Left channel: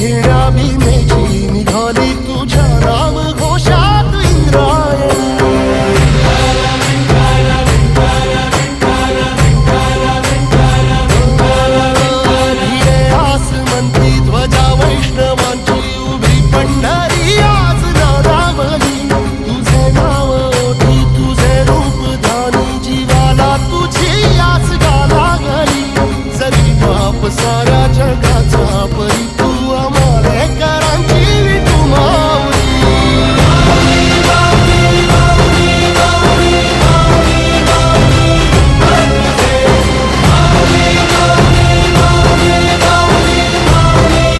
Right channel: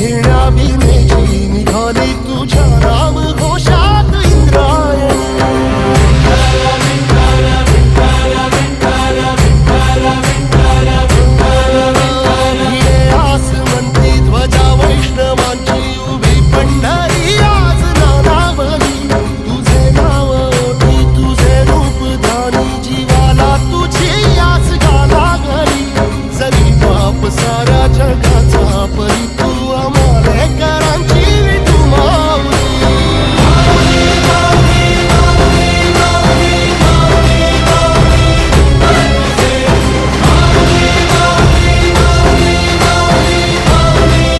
घेण्या भीमेची निघाली तुझ्या नाम घोषात इंद्रायणी. भिडे आसमंती ध्वजा वैष्णवांची उभी पंढरी आज नादावली. तुझे नाव ओठी तुझे रूप ध्यानी जीवाला तुझी आस गा लागली. जरी बाप साऱ्या जगाचा परी